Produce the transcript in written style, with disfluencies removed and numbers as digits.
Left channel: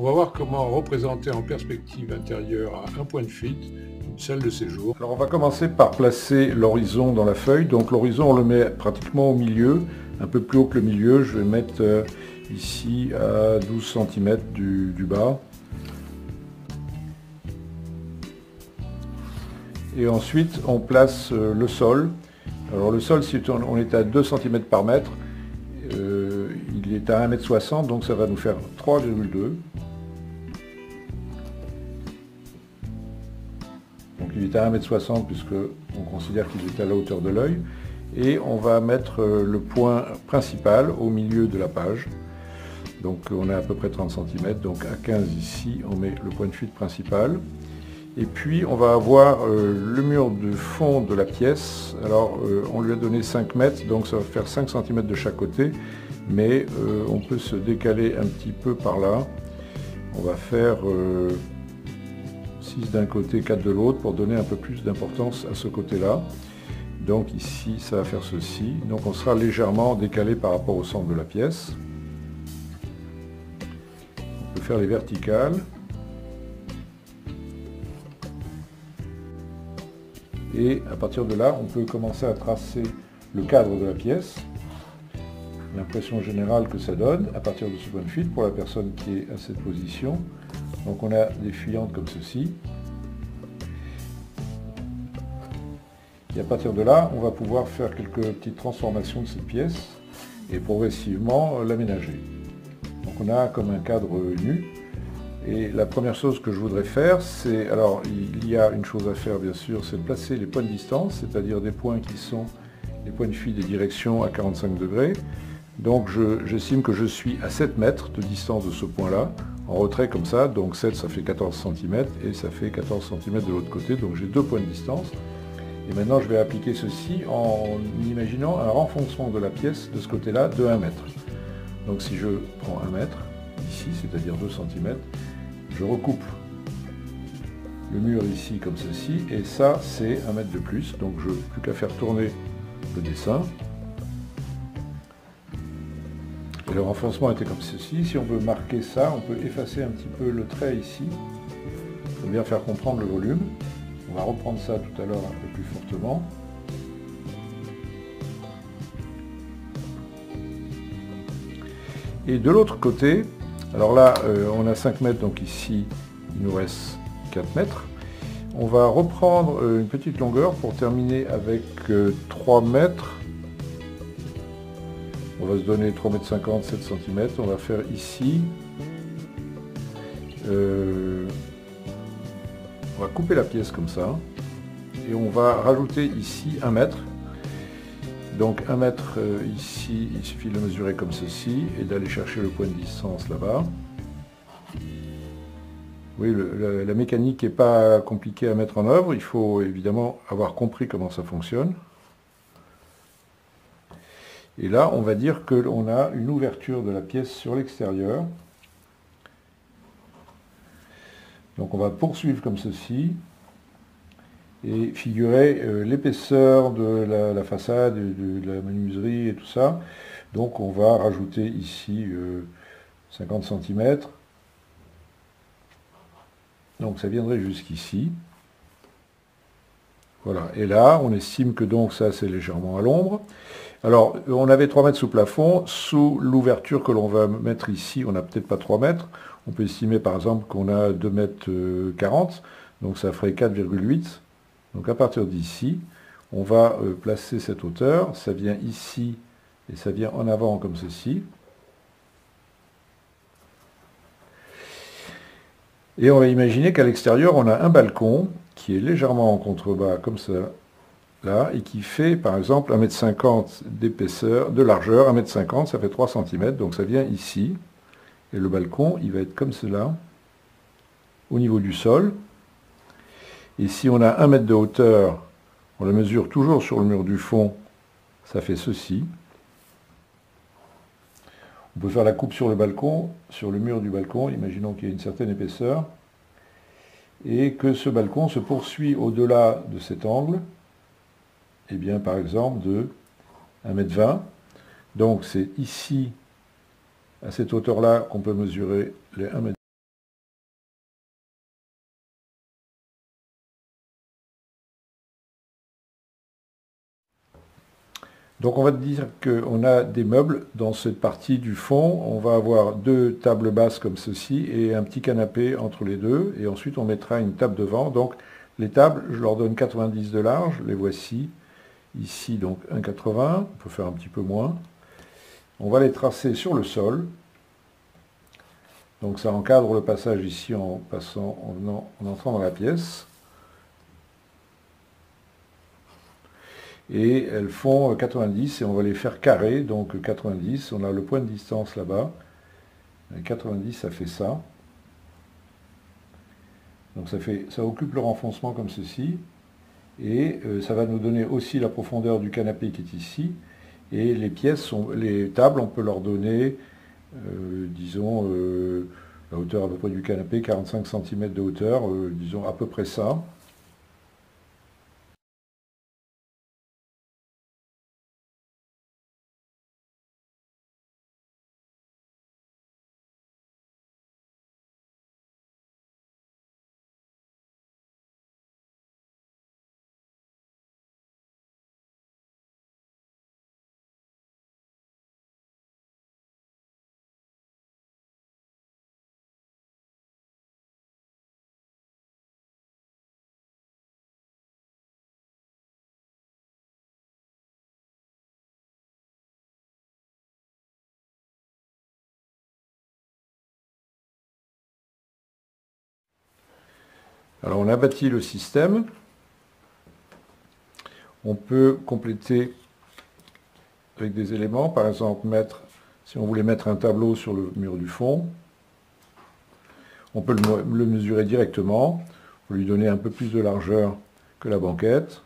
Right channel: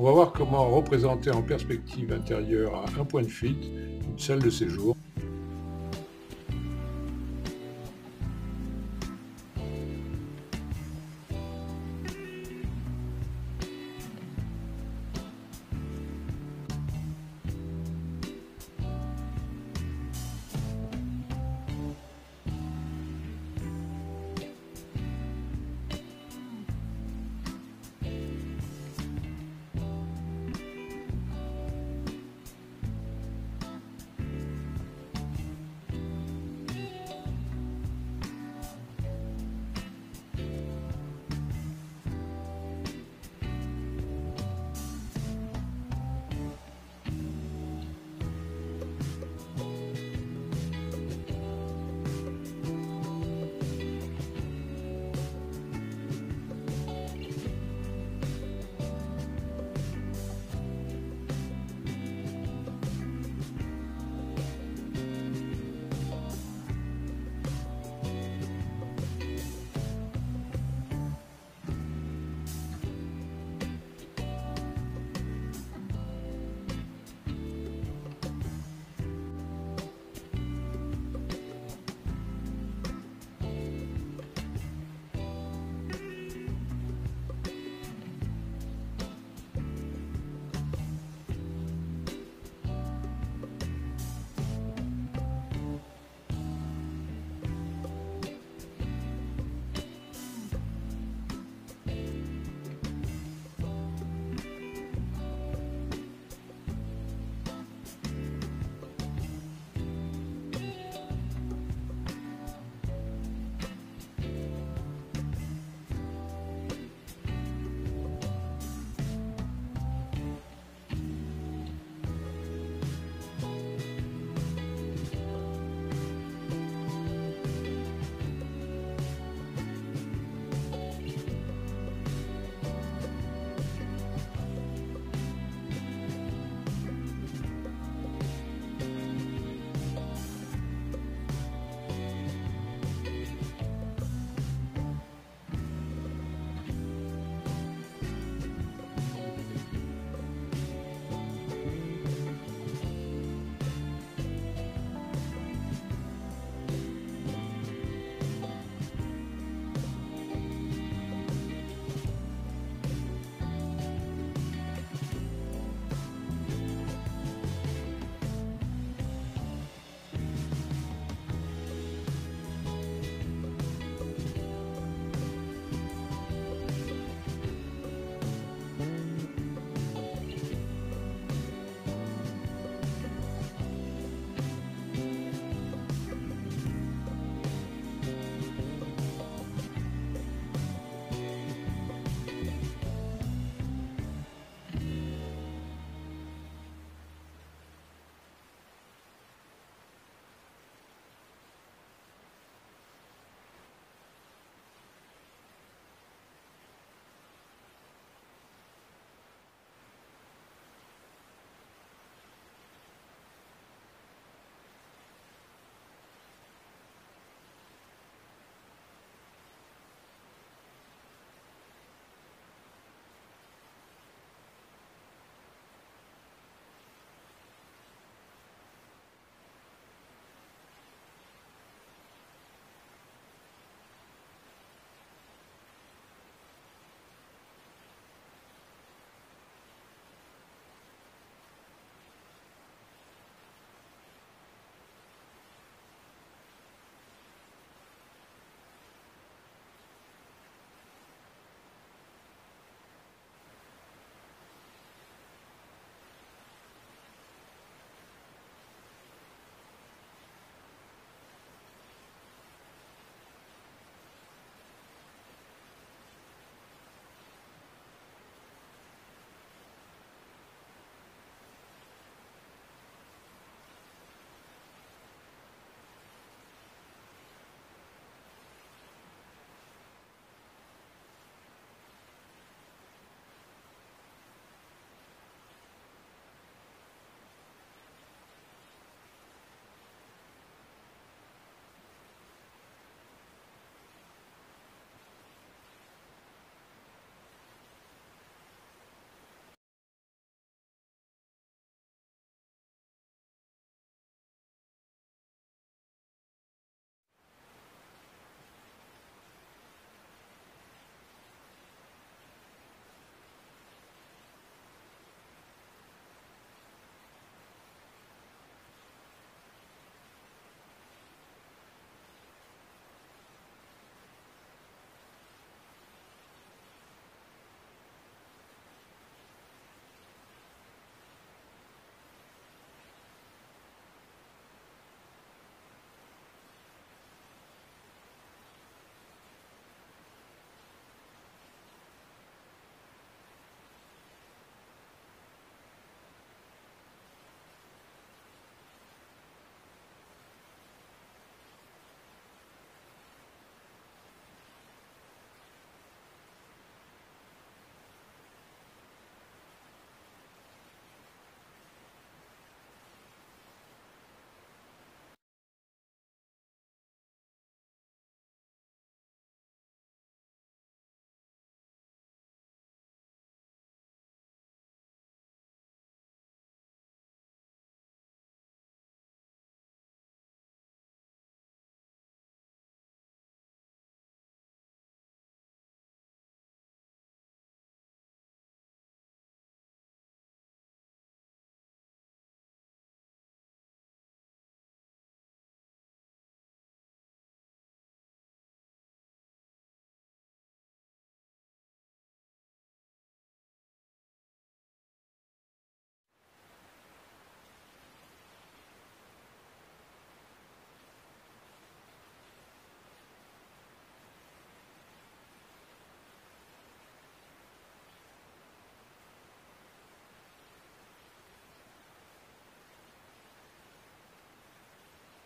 On va voir comment représenter en perspective intérieure à un point de fuite une salle de séjour. Alors on va commencer par placer l'horizon dans la feuille. Donc l'horizon on le met pratiquement au milieu, un peu plus haut que le milieu. Je vais mettre ici à 12 cm du bas. Et ensuite on place le sol. Alors le sol, si on est à 2 cm par mètre, il est à 1,60 m, donc ça va nous faire 3,2 m. Donc il est à 1,60 m puisque on considère qu'il est à la hauteur de l'œil. Et on va mettre le point principal au milieu de la page. Donc on a à peu près 30 cm, donc à 15 ici, on met le point de fuite principal. Et puis on va avoir le mur du fond de la pièce. Alors on lui a donné 5 mètres, donc ça va faire 5 cm de chaque côté, mais on peut se décaler un petit peu par là. On va faire 6 d'un côté, 4 de l'autre, pour donner un peu plus d'importance à ce côté-là. Donc ici ça va faire ceci, donc on sera légèrement décalé par rapport au centre de la pièce. On peut faire les verticales. Et à partir de là, on peut commencer à tracer le cadre de la pièce. L'impression générale que ça donne à partir de ce point de fuite pour la personne qui est à cette position. Donc on a des fuyantes comme ceci. Et à partir de là, on va pouvoir faire quelques petites transformations de cette pièce et progressivement l'aménager. Donc on a comme un cadre nu. Et la première chose que je voudrais faire, c'est, alors il y a une chose à faire bien sûr, c'est de placer les points de distance, c'est-à-dire des points qui sont les points de fuite des directions à 45 degrés. Donc j'estime que je suis à 7 mètres de distance de ce point-là, en retrait comme ça, donc 7 ça fait 14 cm et ça fait 14 cm de l'autre côté, donc j'ai 2 points de distance. Et maintenant je vais appliquer ceci en imaginant un renfoncement de la pièce de ce côté-là de 1 mètre. Donc si je prends 1 mètre, ici c'est-à-dire 2 cm, je recoupe le mur ici comme ceci, et ça c'est 1 mètre de plus, donc je n'ai plus qu'à faire tourner le dessin. Et le renfoncement était comme ceci. Si on veut marquer ça, on peut effacer un petit peu le trait ici, pour bien faire comprendre le volume. On va reprendre ça tout à l'heure un peu plus fortement. Et de l'autre côté, alors là, on a 5 mètres, donc ici, il nous reste 4 mètres. On va reprendre une petite longueur pour terminer avec 3 mètres. On va se donner 3,50 m, 7 cm. On va faire ici. On va couper la pièce comme ça. Et on va rajouter ici 1 mètre. Donc 1 mètre ici, il suffit de mesurer comme ceci et d'aller chercher le point de distance là-bas. Oui, la mécanique n'est pas compliquée à mettre en œuvre, il faut évidemment avoir compris comment ça fonctionne. Et là, on va dire qu'on a une ouverture de la pièce sur l'extérieur. Donc on va poursuivre comme ceci. Et figurer l'épaisseur de la façade, de la menuiserie et tout ça. Donc on va rajouter ici 50 cm. Donc ça viendrait jusqu'ici. Voilà, et là on estime que donc ça c'est légèrement à l'ombre. Alors on avait 3 mètres sous plafond, sous l'ouverture que l'on va mettre ici, on n'a peut-être pas 3 mètres. On peut estimer par exemple qu'on a 2 mètres 40, donc ça ferait 4,8. Donc à partir d'ici, on va placer cette hauteur, ça vient ici et ça vient en avant comme ceci. Et on va imaginer qu'à l'extérieur, on a un balcon qui est légèrement en contrebas comme ça, là, et qui fait par exemple 1,50 m d'épaisseur, de largeur, 1,50 m, ça fait 3 cm, donc ça vient ici. Et le balcon, il va être comme cela, au niveau du sol. Et si on a 1 mètre de hauteur, on la mesure toujours sur le mur du fond, ça fait ceci. On peut faire la coupe sur le balcon, sur le mur du balcon, imaginons qu'il y ait une certaine épaisseur, et que ce balcon se poursuit au-delà de cet angle, et bien par exemple de 1,20 m. Donc c'est ici, à cette hauteur-là, qu'on peut mesurer les 1 m. Donc on va dire qu'on a des meubles dans cette partie du fond. On va avoir 2 tables basses comme ceci et un petit canapé entre les deux. Et ensuite on mettra une table devant. Donc les tables, je leur donne 90 de large. Les voici. Ici donc 1,80. On peut faire un petit peu moins. On va les tracer sur le sol. Donc ça encadre le passage ici en passant, en entrant dans la pièce. Et elles font 90 et on va les faire carrées, donc 90, on a le point de distance là-bas, 90 ça fait ça, donc ça occupe le renfoncement comme ceci, et ça va nous donner aussi la profondeur du canapé qui est ici, et les tables on peut leur donner, disons, la hauteur à peu près du canapé, 45 cm de hauteur, disons à peu près ça. Alors on a bâti le système, on peut compléter avec des éléments, par exemple si on voulait mettre un tableau sur le mur du fond, on peut le mesurer directement, on lui donner un peu plus de largeur que la banquette,